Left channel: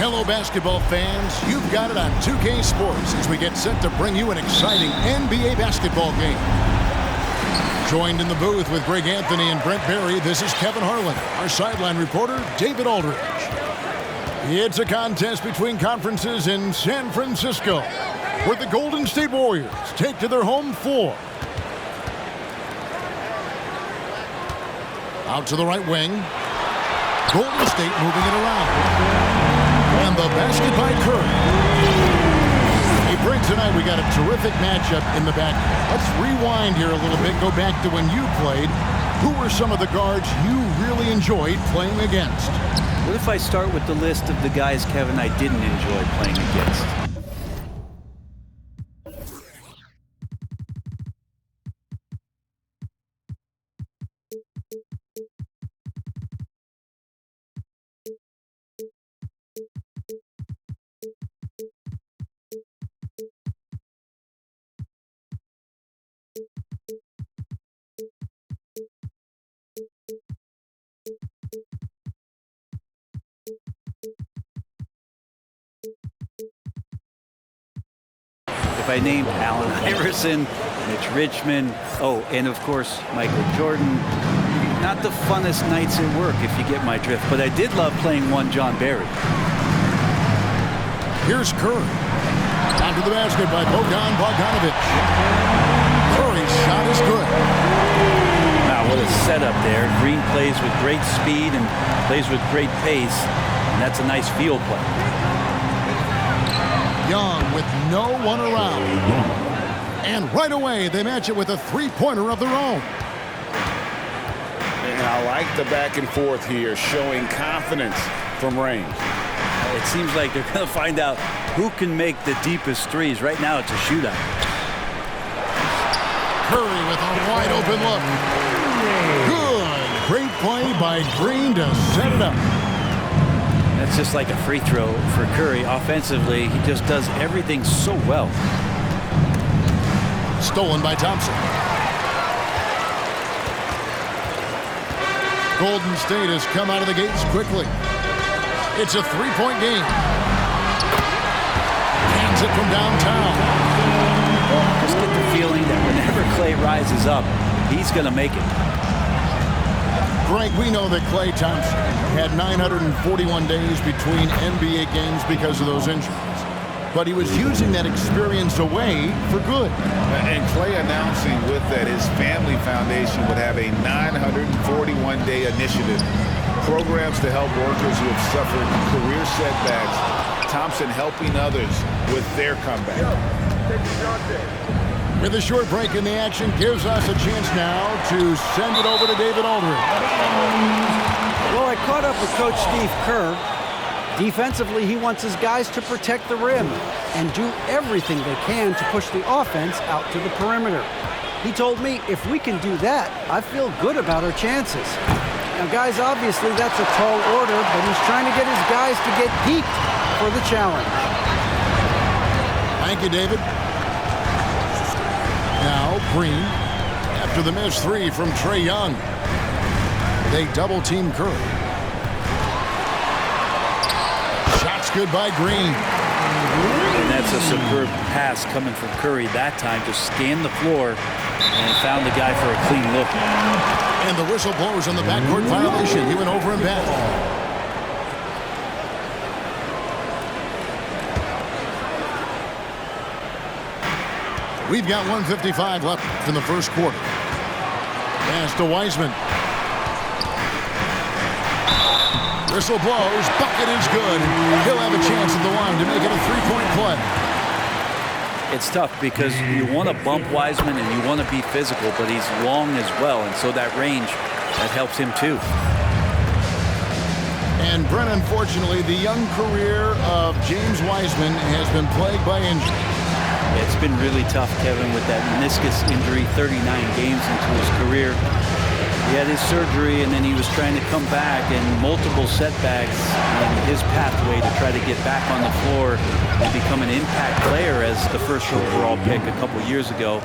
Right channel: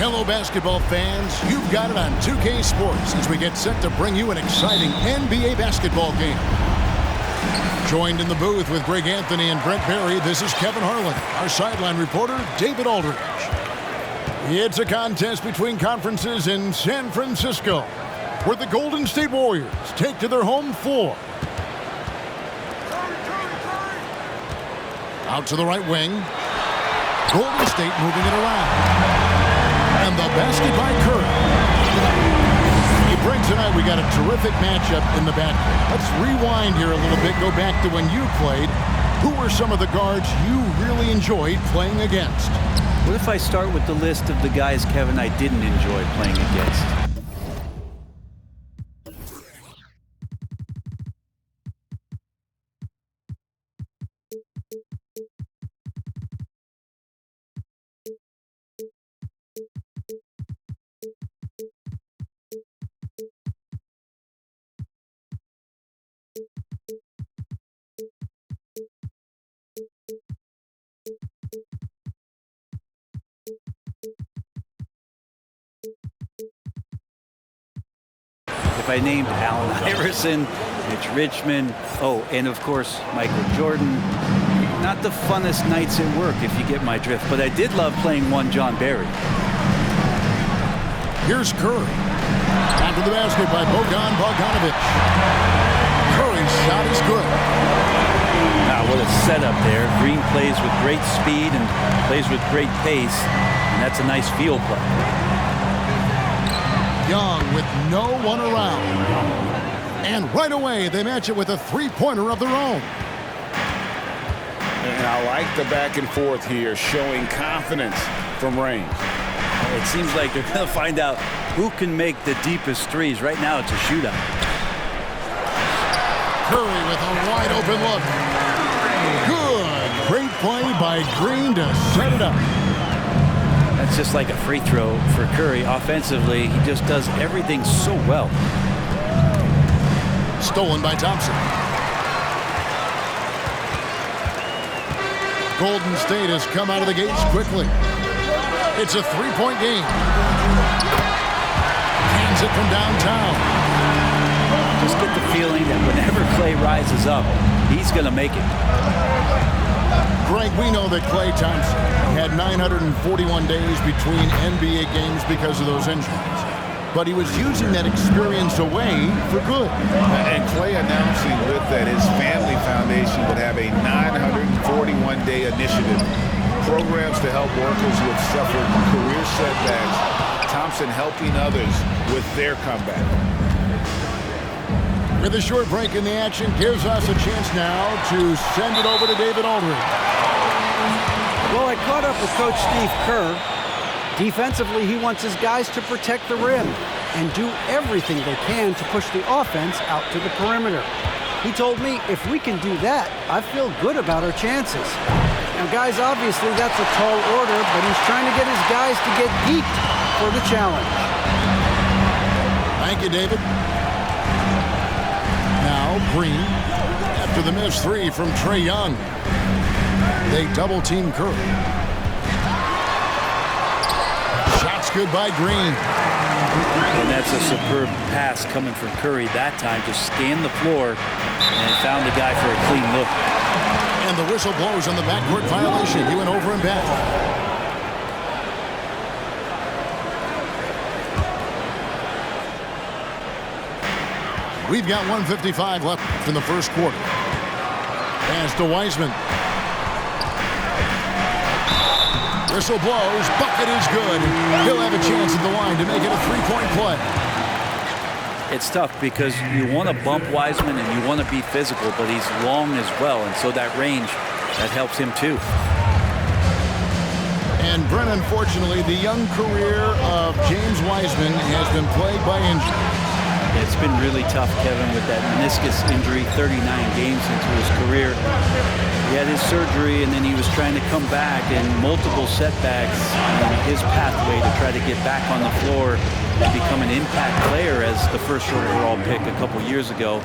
Hello, basketball fans. You've got it on 2K Sports as we get set to bring you an exciting NBA basketball game. Joined in the booth with Greg Anthony and Brent Barry, this is Kevin Harlan. Our sideline reporter, David Aldridge. It's a contest between conferences in San Francisco, where the Golden State Warriors take to their home floor. Out to the right wing. Golden State moving it around. And the basket by Curry. Hey, Brent, tonight we got a terrific matchup in the backcourt. Let's rewind here a little bit, go back to when you played. Who were some of the guards you really enjoyed playing against? What if I start with the list of the guys, Kevin, I didn't enjoy playing against? If I named Allen Iverson, Mitch Richmond, and of course, Michael Jordan, not the funnest nights at work if you get my drift, but I did love playing one John Barry. Here's Curry. Down to the basket by Bogdan Bogdanovic. Curry's shot is good. Wow, what a setup there. Green plays with great speed and plays with great pace, and that's a nice field play. Young with no one around. And right away, they match it with a three-pointer of their own. And I like the back and forth here, showing confidence from range. It seems like they're going to find out who can make the deepest threes. Right now, it's a shootout. Curry with a wide open look. Good. Great play by Green to set it up. That's just like a free throw for Curry. Offensively, he just does everything so well. Stolen by Thompson. Golden State has come out of the gates quickly. It's a three-point game. Hands it from downtown. Just get the feeling that whenever Klay rises up, he's going to make it. Greg, we know that Klay Thompson had 941 days between NBA games because of those injuries. But he was using that experience away for good. And Klay announcing with that his family foundation would have a 941-day initiative. Programs to help workers who have suffered career setbacks. Thompson helping others with their comeback. With a short break in the action, gives us a chance now to send it over to David Aldridge. Well, I caught up with Coach Steve Kerr. Defensively, he wants his guys to protect the rim and do everything they can to push the offense out to the perimeter. He told me if we can do that, I feel good about our chances. Now, guys, obviously that's a tall order, but he's trying to get his guys to get geeked for the challenge. Thank you, David. Now, Green, after the missed three from Trae Young. They double-team Curry. Shots good by Green. And that's a superb pass coming from Curry that time. Just scanned the floor and found the guy for a clean look. And the whistle blows on the backcourt violation. He went over and back. We've got 1:55 left in the first quarter. Pass to Wiseman. Whistle blows. Bucket is good. He'll have a chance at the line to make it a three-point play. It's tough because you want to bump Wiseman and you want to be physical, but he's long as well, and so that range, that helps him too. And Brent, unfortunately, the young career of James Wiseman has been plagued by injury. Yeah, it's been really tough, Kevin, with that meniscus injury, 39 games into his career. He had his surgery, and then he was trying to come back, and multiple setbacks in his pathway to try to get back on the floor and become an impact player as the first overall pick a couple years ago.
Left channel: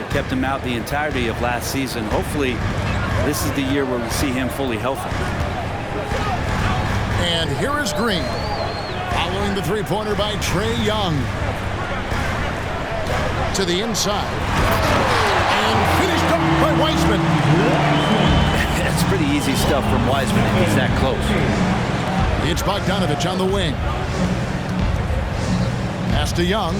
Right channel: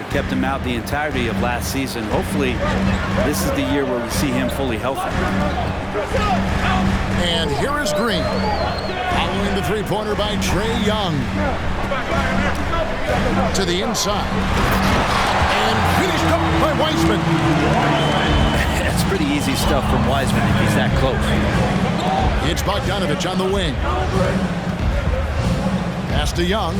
It kept him out the entirety of last season. Hopefully, this is the year where we see him fully healthy. And here is Green. Following the three-pointer by Trae Young. To the inside. And finished up by Wiseman. That's pretty easy stuff from Wiseman if he's that close. It's Bogdanović on the wing. Pass to Young.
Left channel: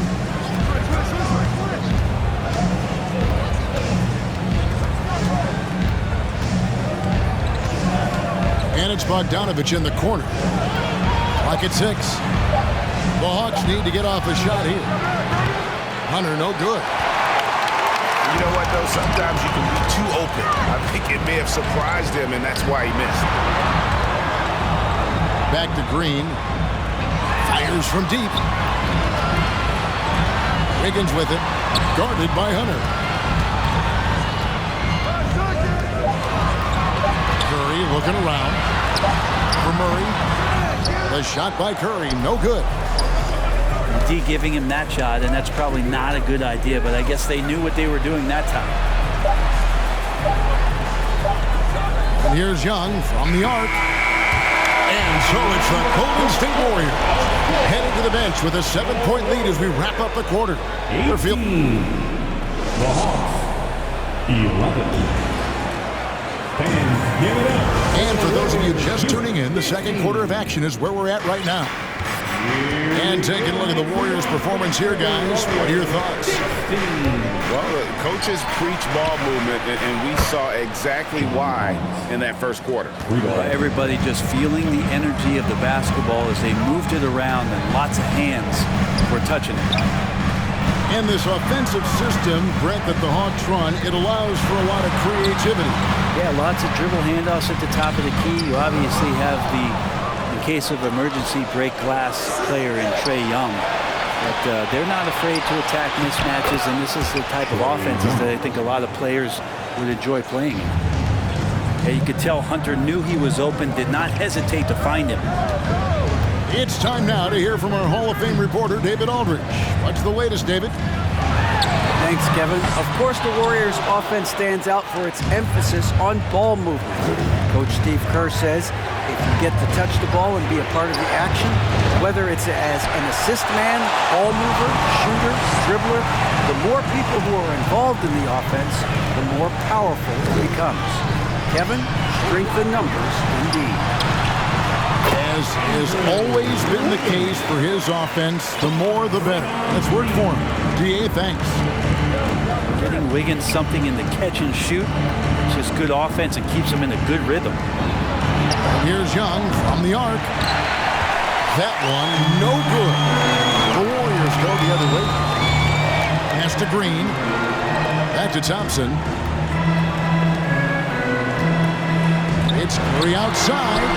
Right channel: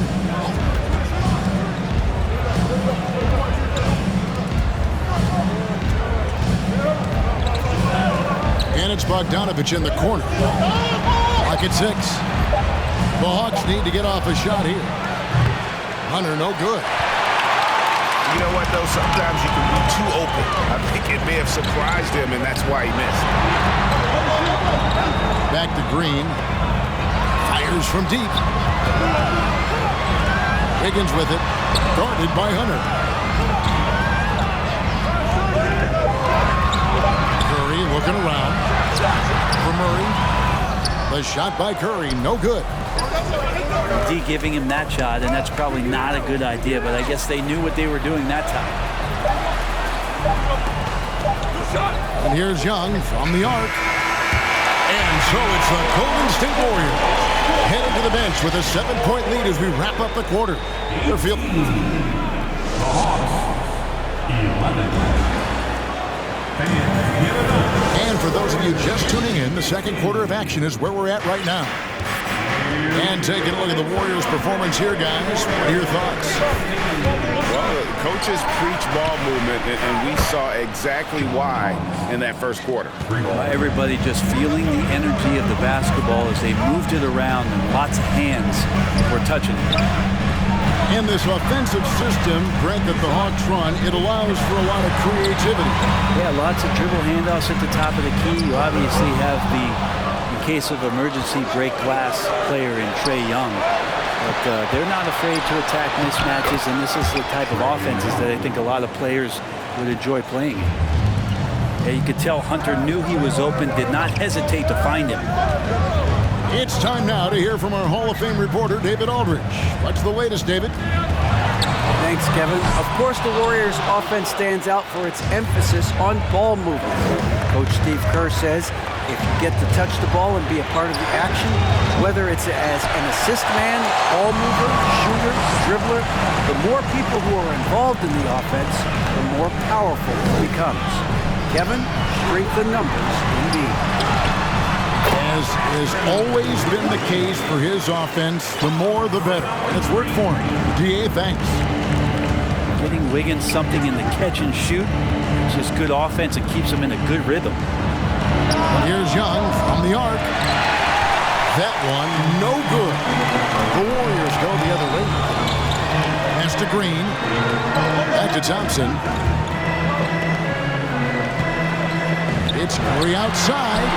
And it's Bogdanović in the corner. Clock at 6. The Hawks need to get off a shot here. Hunter, no good. You know what, though? Sometimes you can be too open. I think it may have surprised him, and that's why he missed. Back to Green. Fires from deep. Wiggins with it. Guarded by Hunter. Curry looking around for Murray. The shot by Curry, no good. D giving him that shot, and that's probably not a good idea, but I guess they knew what they were doing that time. And here's Young from the arc. And so it's the Golden State Warriors headed to the bench with a 7-point lead as we wrap up the quarter. The Hawks, 11. Fans, give it up. And for those of you just tuning in, the second quarter of action is where we're at right now. And taking a look at the Warriors' performance here, guys. What are your thoughts? Well, the coaches preach ball movement, and we saw exactly why in that first quarter. Everybody just feeling the energy of the basketball as they moved it around, and lots of hands were touching it. And this offensive system, Brent, that the Hawks run, it allows for a lot of creativity. Yeah, lots of dribble handoffs at the top of the key. You obviously have the, in case of emergency, break glass player in Trae Young. But they're not afraid to attack mismatches, and this is the type of offenses that I think a lot of players would enjoy playing in. Yeah, you could tell Hunter knew he was open, did not hesitate to find him. It's time now to hear from our Hall of Fame reporter, David Aldridge. What's the latest, David? Thanks, Kevin. Of course, the Warriors' offense stands out for its emphasis on ball movement. Coach Steve Kerr says if you get to touch the ball and be a part of the action, whether it's as an assist man, ball mover, shooter, dribbler, the more people who are involved in the offense, the more powerful it becomes. Kevin, strength in numbers indeed. As has always been the case for his offense, the more the better. And it's worked for him. DA, thanks. Getting Wiggins something in the catch and shoot. It's just good offense and keeps him in a good rhythm. And here's Young from the arc. That one, no good. The Warriors go the other way. Pass to Green. Back to Thompson. It's Curry outside.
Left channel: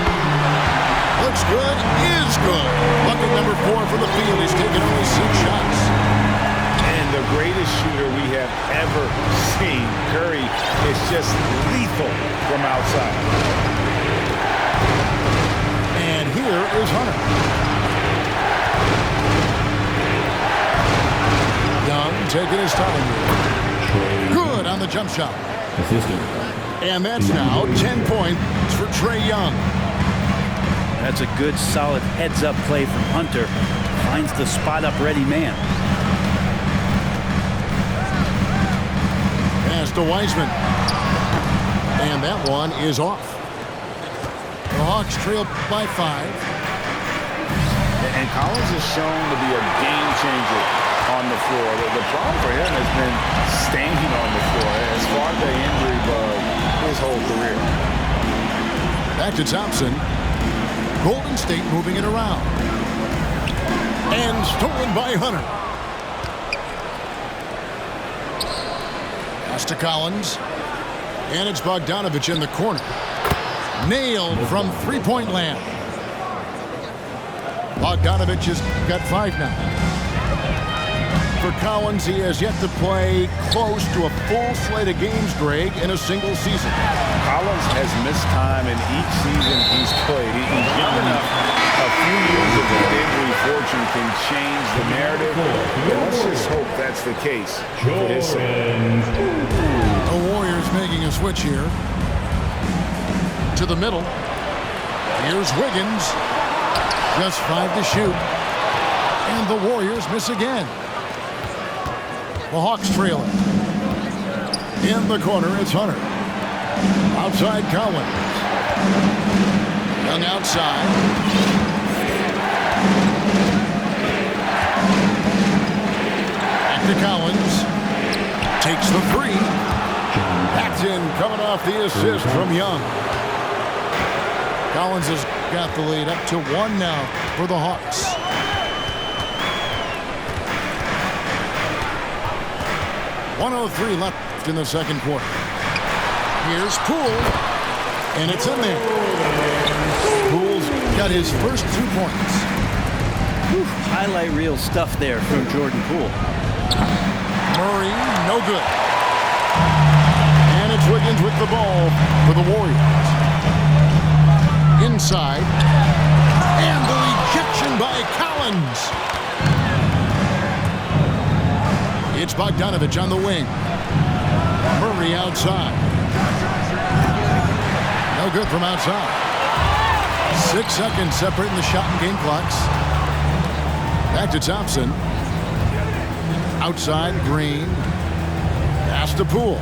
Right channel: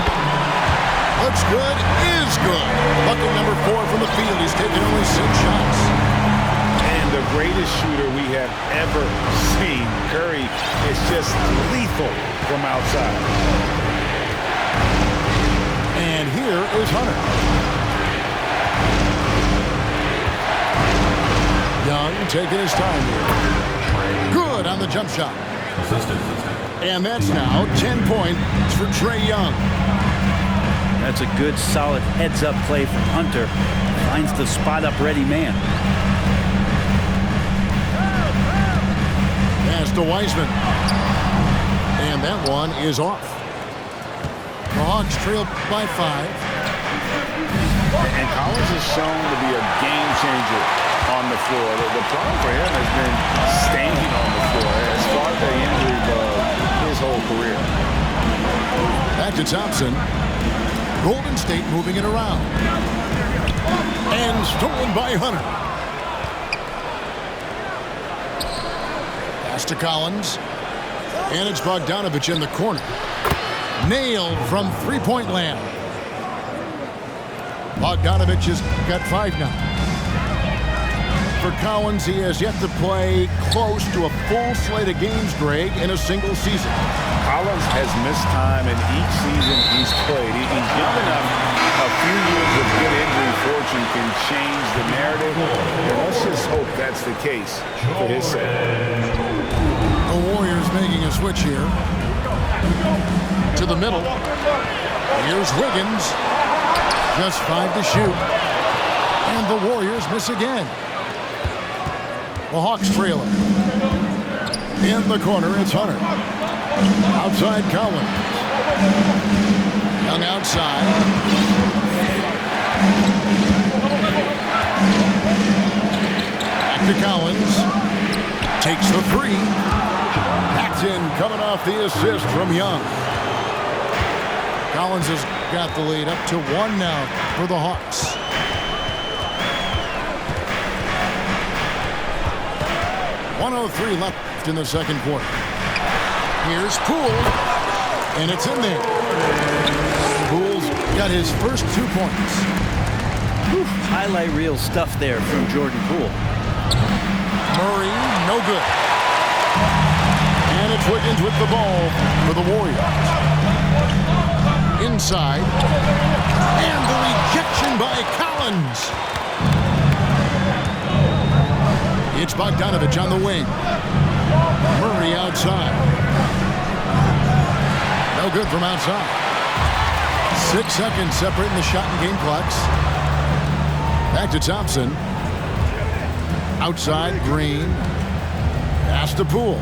Looks good, is good. Bucket number 4 from the field. He's taken only 6 shots. And the greatest shooter we have ever seen. Curry is just lethal from outside. And here is Hunter. Young taking his time here. Good on the jump shot. Assistant. And that's now 10 points for Trae Young. That's a good, solid heads-up play from Hunter. Finds the spot-up ready man. Pass to Wiseman. And that one is off. The Hawks trail by 5. And Collins is shown to be a game changer on the floor. The problem for him has been staying on the floor. Has fought the injury bug his whole career. Back to Thompson. Golden State moving it around. And stolen by Hunter. Pass to Collins. And it's Bogdanović in the corner. Nailed from three-point land. Bogdanović has got 5 now. For Collins, he has yet to play close to a full slate of games, Greg, in a single season. Collins has missed time in each season he's played. He's young enough. A few years of good injury fortune can change the narrative. And let's just hope that's the case for his sake. The Warriors making a switch here. To the middle. Here's Wiggins. Just 5 to shoot. And the Warriors miss again. The Hawks trail it. In the corner, it's Hunter. Outside, Collins. Young outside. Back to Collins. Takes the three. That's in, coming off the assist from Young. Collins has got the lead up to 1 now for the Hawks. .103 left in the second quarter. Here's Poole, and it's in there. Poole's got his first 2 points. Whew, highlight reel stuff there from Jordan Poole. Murray, no good. And it's Wiggins with the ball for the Warriors. Inside. And the rejection by Collins. It's Bogdanovich on the wing. Murray outside. No good from outside. 6 seconds separating the shot and game clocks. Back to Thompson. Outside, Green. Pass to Poole.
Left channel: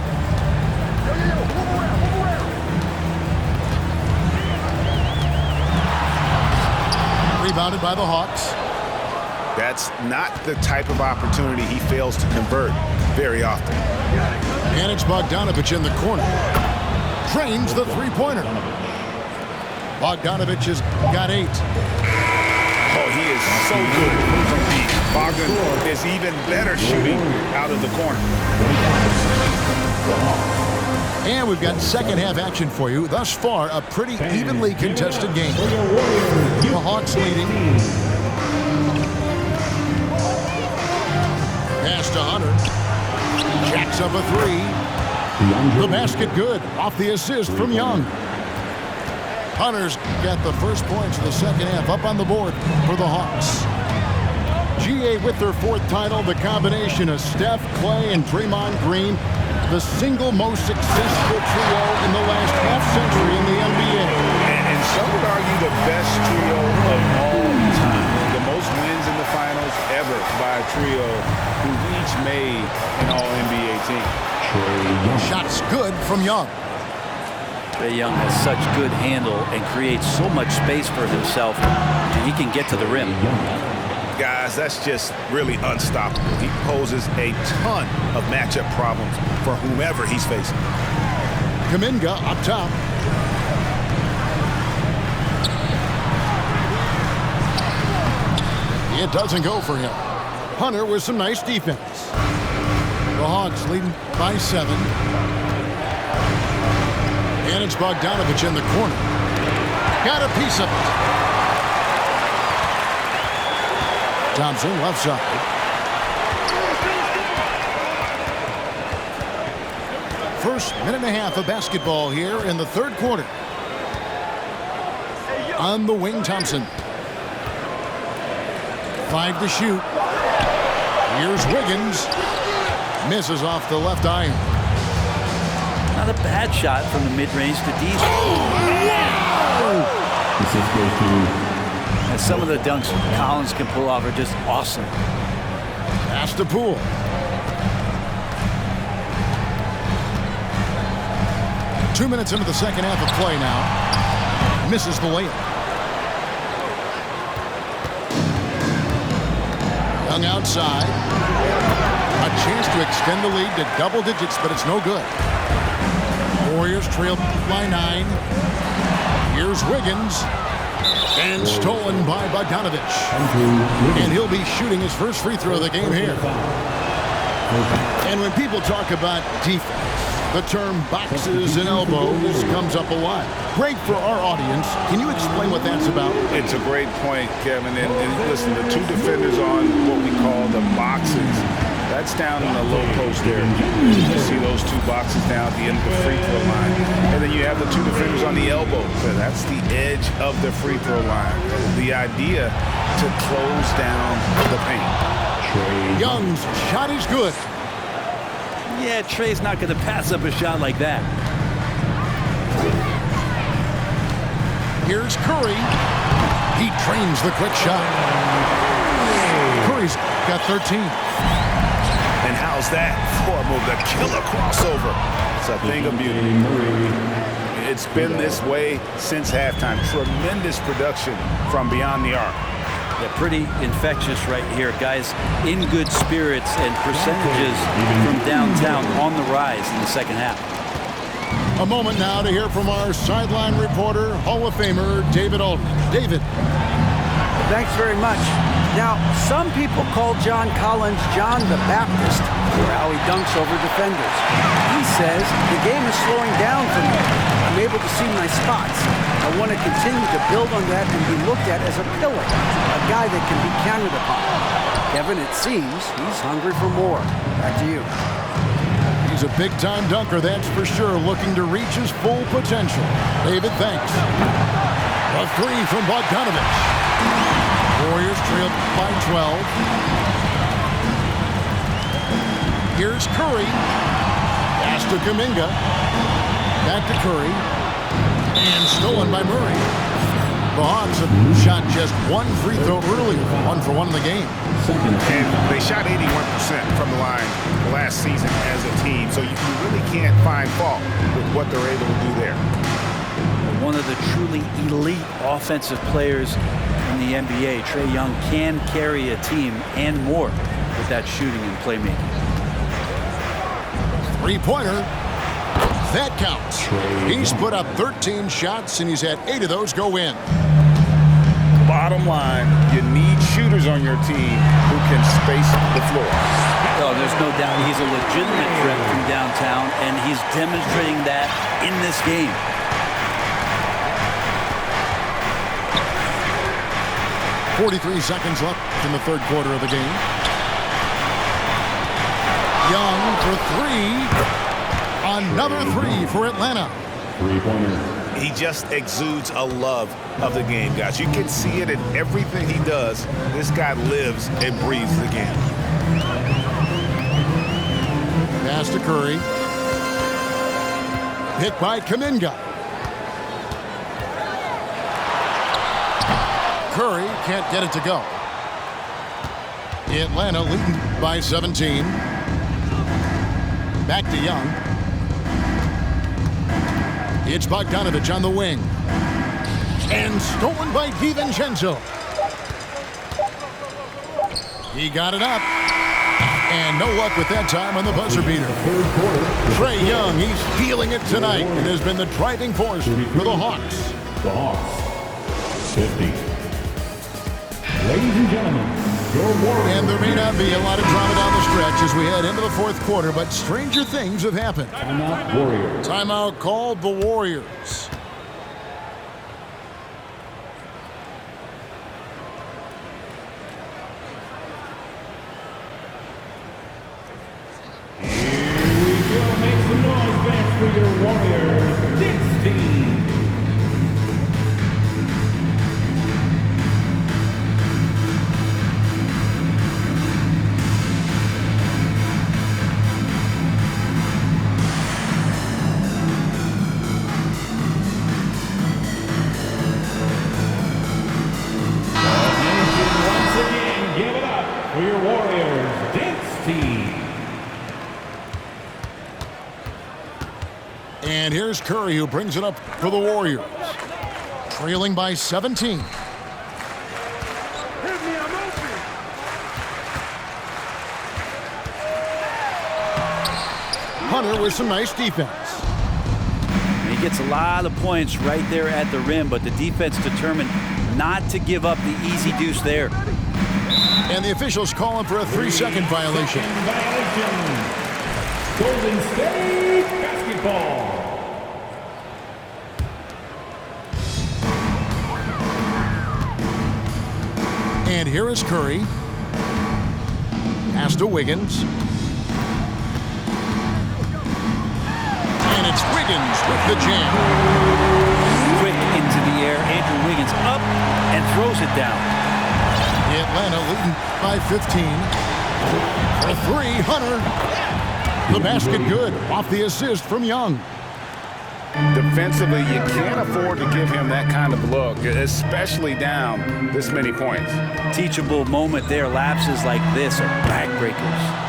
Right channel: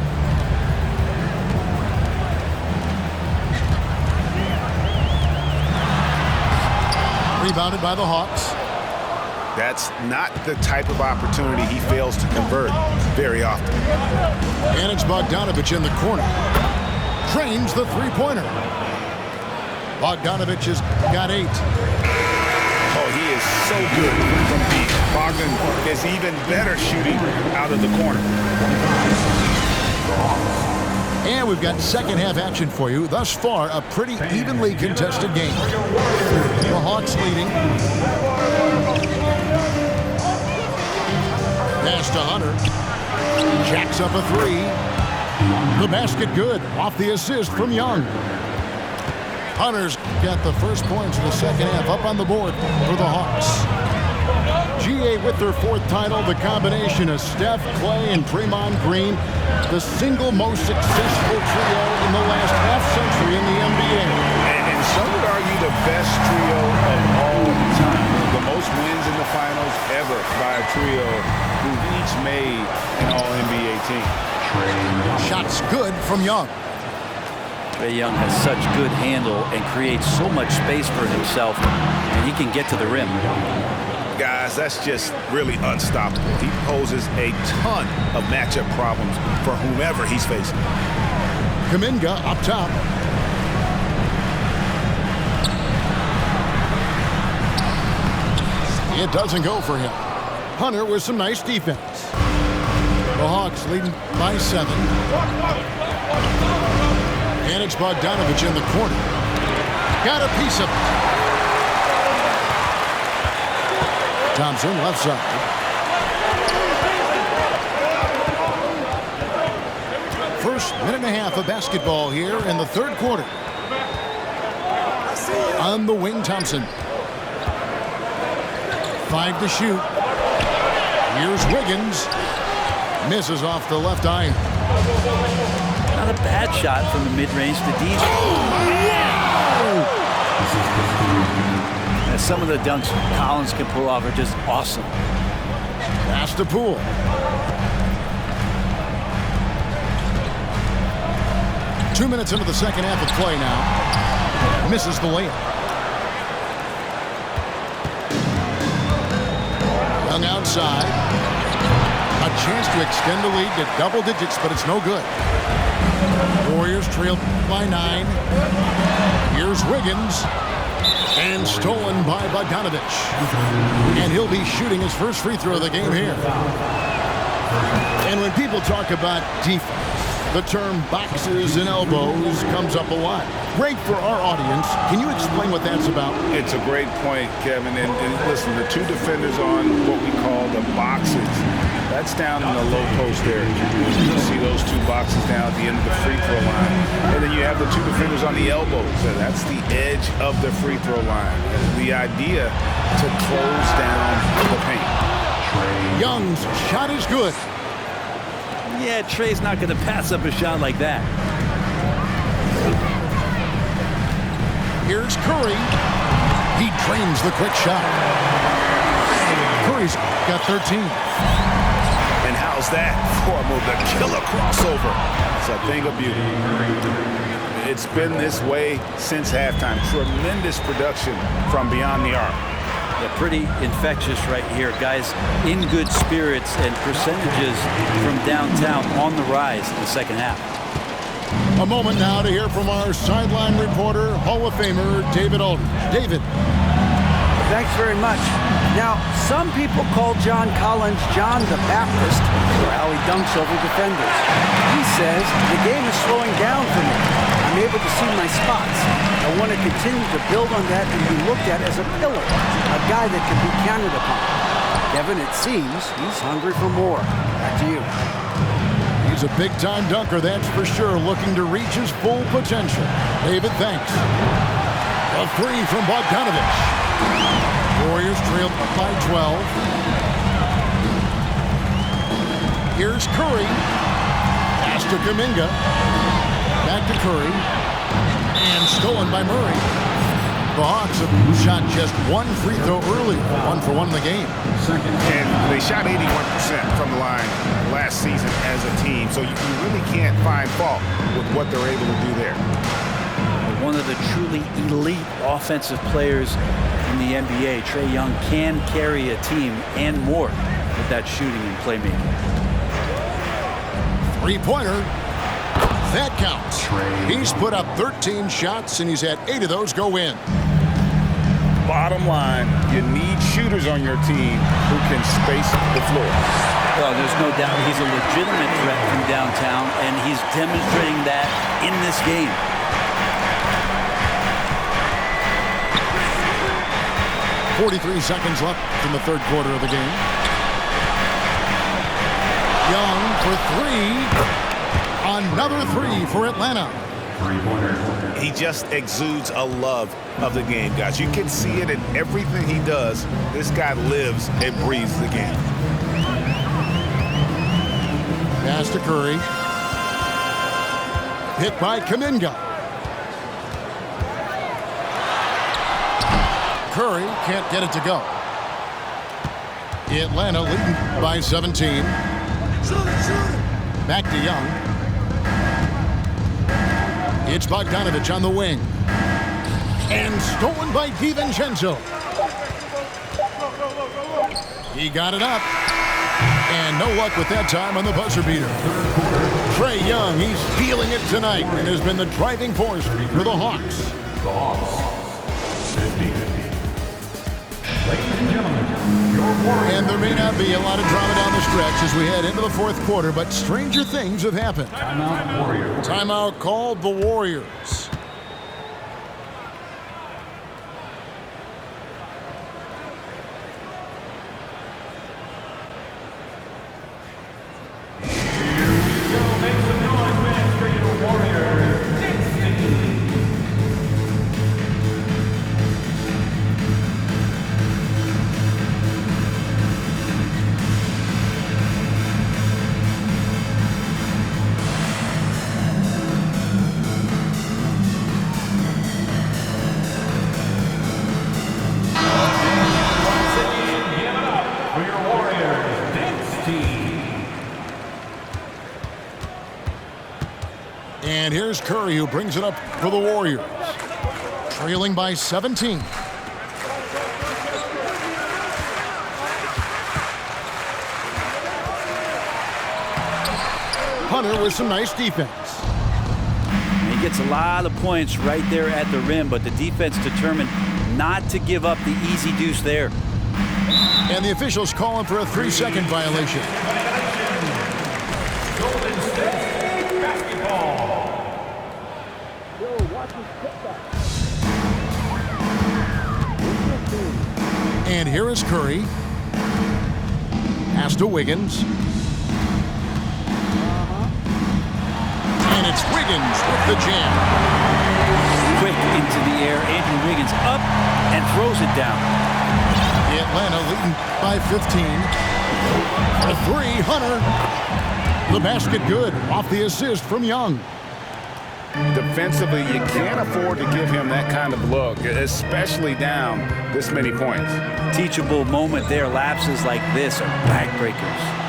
Rebounded by the Hawks. That's not the type of opportunity he fails to convert very often. And it's Bogdanovich in the corner. Drains the three-pointer. Bogdanovich has got 8. Oh, he is so good from deep. Bogdan is even better shooting out of the corner. And we've got second half action for you. Thus far, a pretty evenly contested game. The Hawks leading. Pass to Hunter. Jacks up a 3. The basket good. Off the assist from Young. Hunter's got the first points of the second half up on the board for the Hawks. GA with their 4th title, the combination of Steph, Clay, and Draymond Green, the single most successful trio in the last half-century in the NBA. And some would argue the best trio of all time. The most wins in the finals ever by a trio who've each made an All-NBA team. Shots good from Young. Trae Young has such good handle and creates so much space for himself, and he can get to the rim. Guys, that's just really unstoppable. He poses a ton of matchup problems for whomever he's facing. Kuminga up top. It doesn't go for him. Hunter with some nice defense. The Hawks leading by 7. And it's Bogdanovich in the corner. Got a piece of it. Thompson left side. First minute and a half of basketball here in the third quarter. On the wing, Thompson. 5 to shoot. Here's Wiggins. Misses off the left iron. Not a bad shot from the mid-range to deep. Wow! This is supposed to. And some of the dunks Collins can pull off are just awesome. Pass to Poole. Two minutes into the second half of play now. Misses the layup. Young outside. A chance to extend the lead to double digits, but it's no good. Warriors trail by 9. Here's Wiggins. And stolen by Bogdanovich. And he'll be shooting his first free throw of the game here. And when people talk about defense, the term boxes and elbows comes up a lot. Great for our audience. Can you explain what that's about? It's a great point, Kevin. And listen, the 2 defenders on what we call the boxes, that's down in the low post area. You see those 2 boxes down at the end of the free throw line. And then you have the 2 defenders on the elbows. So that's the edge of the free throw line. The idea to close down the paint. Young's shot is good. Yeah, Trae's not going to pass up a shot like that. Here's Curry. He drains the quick shot. Curry's got 13. And how's that for a move? The killer crossover. It's a thing of beauty. It's been this way since halftime. Tremendous production from beyond the arc. Yeah, pretty infectious right here. Guys in good spirits, and percentages from downtown on the rise in the second half. A moment now to hear from our sideline reporter, Hall of Famer David Aldridge. David. Thanks very much. Now, some people call John Collins John the Baptist for how he dunks over defenders. He says, the game is slowing down for me. I'm able to see my spots. I want to continue to build on that and be looked at as a pillar, a guy that can be counted upon. Kevin, it seems he's hungry for more. Back to you. He's a big-time dunker, that's for sure, looking to reach his full potential. David, thanks. A three from Bogdanovich. Warriors trail by 12. Here's Curry. Pass to Kuminga. Back to Curry. And stolen by Murray. The Hawks have shot just one free throw earlier, 1 for 1 in the game. And they shot 81% from the line last season as a team, so you really can't find fault with what they're able to do there. One of the truly elite offensive players in the NBA, Trae Young, can carry a team and more with that shooting and playmaking. Three-pointer. That counts. He's put up 13 shots, and he's had 8 of those go in. Bottom line, you need shooters on your team who can space the floor. Oh, there's no doubt he's a legitimate threat from downtown, and he's demonstrating that in this game. .43 seconds left in the third quarter of the game. Young for three. Another three for Atlanta. Three-pointer. He just exudes a love of the game, guys. You can see it in everything he does. This guy lives and breathes the game. Pass to Curry. Hit by Kuminga. Curry can't get it to go. Atlanta leading by 17. Back to Young. It's Bogdanovich on the wing. And stolen by DiVincenzo. He got it up. And no luck with that time on the buzzer beater. Trae Young, he's feeling it tonight and has been the driving force for the Hawks. The Hawks. 50. Ladies and gentlemen, your Warriors. And there may not be a lot of drama down the stretch as we head into the fourth quarter, but stranger things have happened. Timeout Warriors. Timeout called the Warriors. Here we go. Make some noise, man, for your Warriors. 16. For your Warriors dance team. And here's Curry, who brings it up for the Warriors. Trailing by 17. Hunter with some nice defense. And he gets a lot of points right there at the rim, but the defense determined not to give up the easy deuce there. And the officials calling for a 3-second violation. Golden State basketball. And here is Curry. Pass to Wiggins. And it's Wiggins with the jam. Quick into the air, Andrew Wiggins up and throws it down. Atlanta leading by 15. For three, Hunter. The basket good off the assist from Young. Defensively, you can't afford to give him that kind of look, especially down this many points. Teachable moment there. Lapses like this are backbreakers.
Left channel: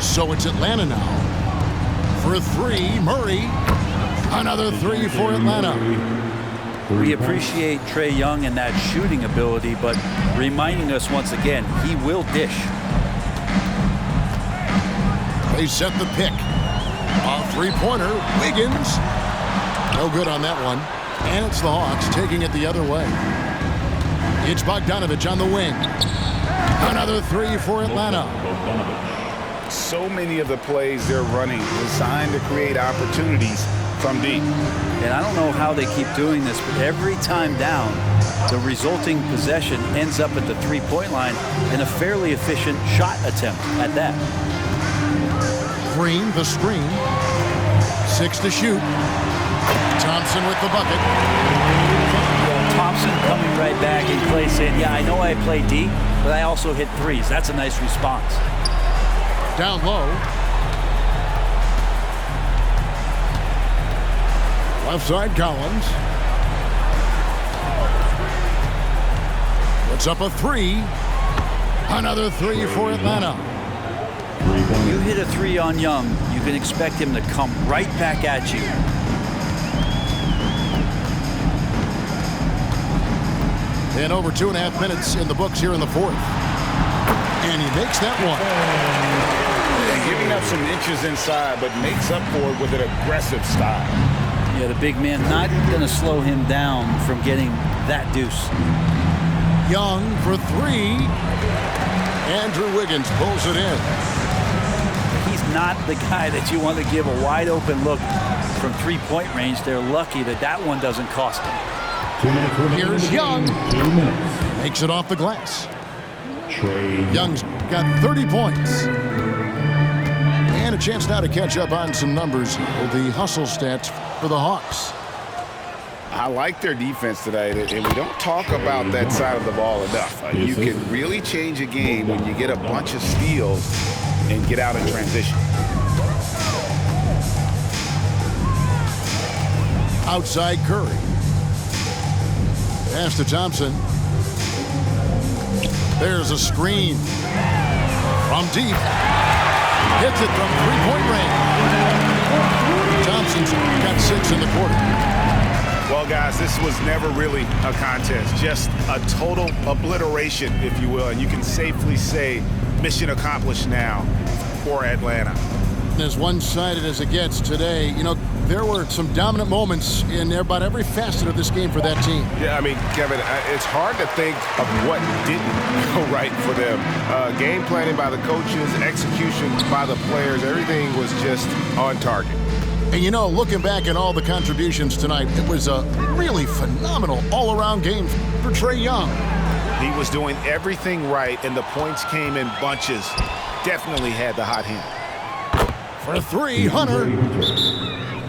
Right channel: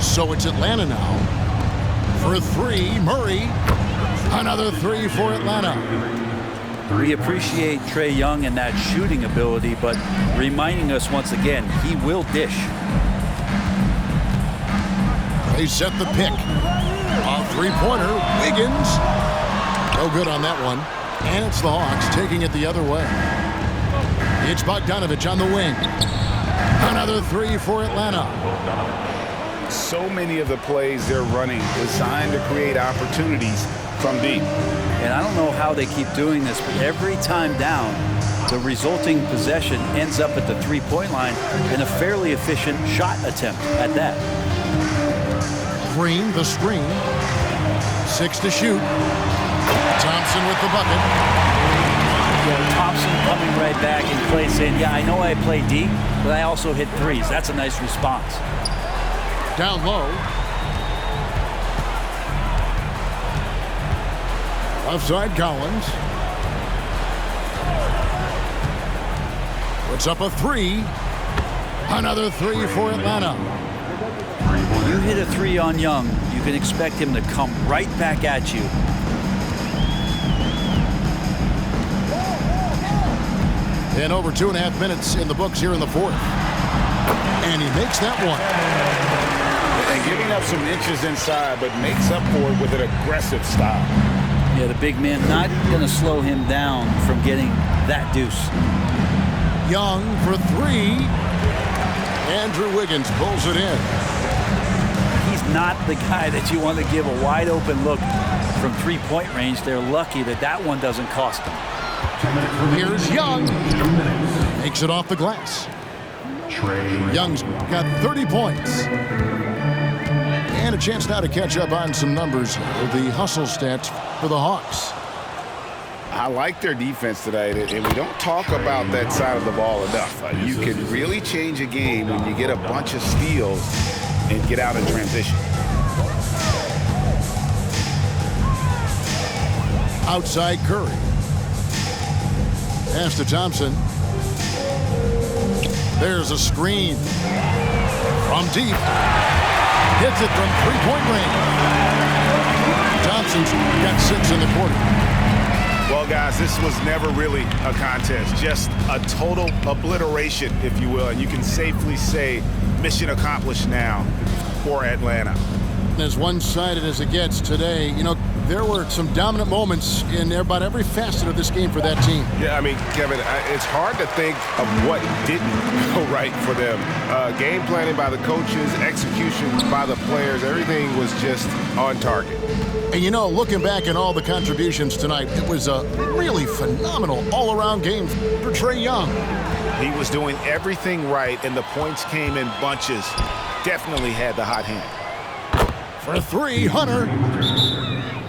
So it's Atlanta now. For three, Murray. Another three for Atlanta. We appreciate Trae Young and that shooting ability, but reminding us once again, he will dish. They set the pick. A three-pointer, Wiggins. No good on that one. And it's the Hawks taking it the other way. It's Bogdanovich on the wing. Another three for Atlanta. So many of the plays they're running designed to create opportunities from deep. And I don't know how they keep doing this, but every time down, the resulting possession ends up at the three-point line in a fairly efficient shot attempt at that. Green, the screen. 6 to shoot. Thompson with the bucket. Yeah, Thompson coming right back and Clay saying, yeah, I know I play D, but I also hit threes. That's a nice response. Down low. Left side, Collins. Puts up a three. Another three for Atlanta. When you hit a three on Young, you can expect him to come right back at you. And over 2.5 minutes in the books here in the fourth. And he makes that one. And giving up some inches inside, but makes up for it with an aggressive style. Yeah, the big man not going to slow him down from getting that deuce. Young for three. Andrew Wiggins pulls it in. He's not the guy that you want to give a wide open look from three-point range. They're lucky that that one doesn't cost them. 2 minutes remaining. Here's Young. 2 minutes. Makes it off the glass. Trae Young's got 30 points. And a chance now to catch up on some numbers here. The hustle stats for the Hawks. I like their defense tonight, and we don't talk about that side of the ball enough. You can really change a game when you get a bunch of steals and get out in transition. Outside Curry. Pass to Thompson. There's a screen. From deep. Hits it from three-point range. Thompson's got 6 in the quarter. Well, guys, this was never really a contest. Just a total obliteration, if you will. And you can safely say mission accomplished now for Atlanta. As one-sided as it gets today, you know, there were some dominant moments in about every facet of this game for that team. Yeah, I mean, Kevin, it's hard to think of what didn't go right for them. Game planning by the coaches, execution by the players, everything was just on target. And you know, looking back at all the contributions tonight, it was a really phenomenal all-around game for Trae Young. He was doing everything right, and the points came in bunches. Definitely had the hot hand. For three, Hunter.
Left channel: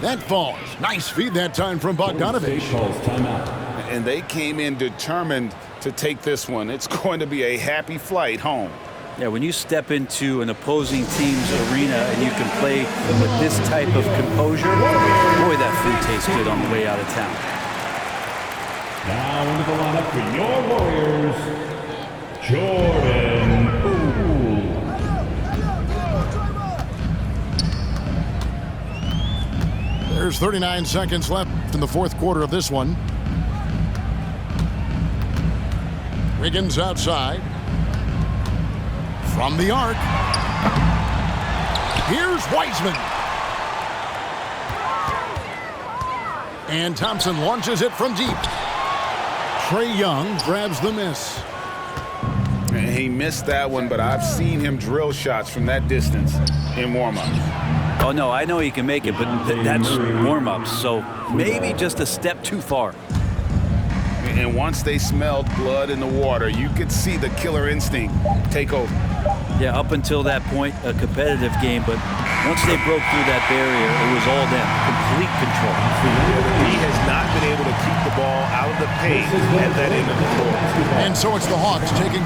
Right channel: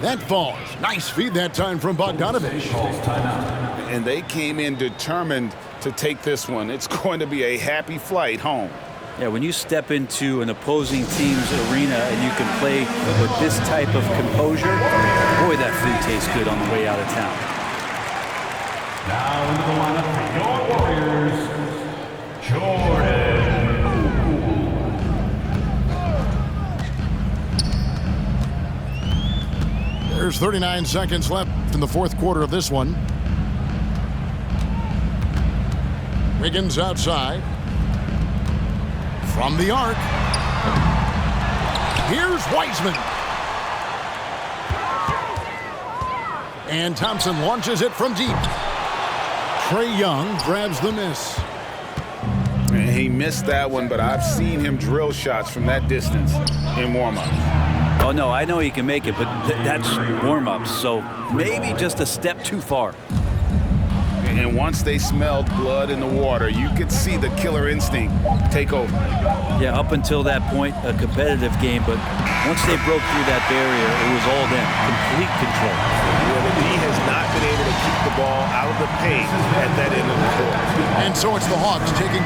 That falls. Nice feed that time from Bogdanovich. calls timeout. And they came in determined to take this one. It's going to be a happy flight home. Yeah, when you step into an opposing team's arena and you can play with this type of composure, boy, that food tastes good on the way out of town. Now into the lineup for your Warriors, Jordan Poole. There's 39 seconds left in the fourth quarter of this one. Wiggins outside. From the arc. Here's Wiseman. And Thompson launches it from deep. Trae Young grabs the miss. And he missed that one, but I've seen him drill shots from that distance in warm-ups. Oh, no, I know he can make it, but that's warm-ups, so maybe just a step too far. And once they smelled blood in the water, you could see the killer instinct take over. Yeah, up until that point, a competitive game, but once they broke through that barrier, it was all them, complete control. Yeah, the D has not been able to keep the ball out of the paint at that end of the court. And so it's the Hawks taking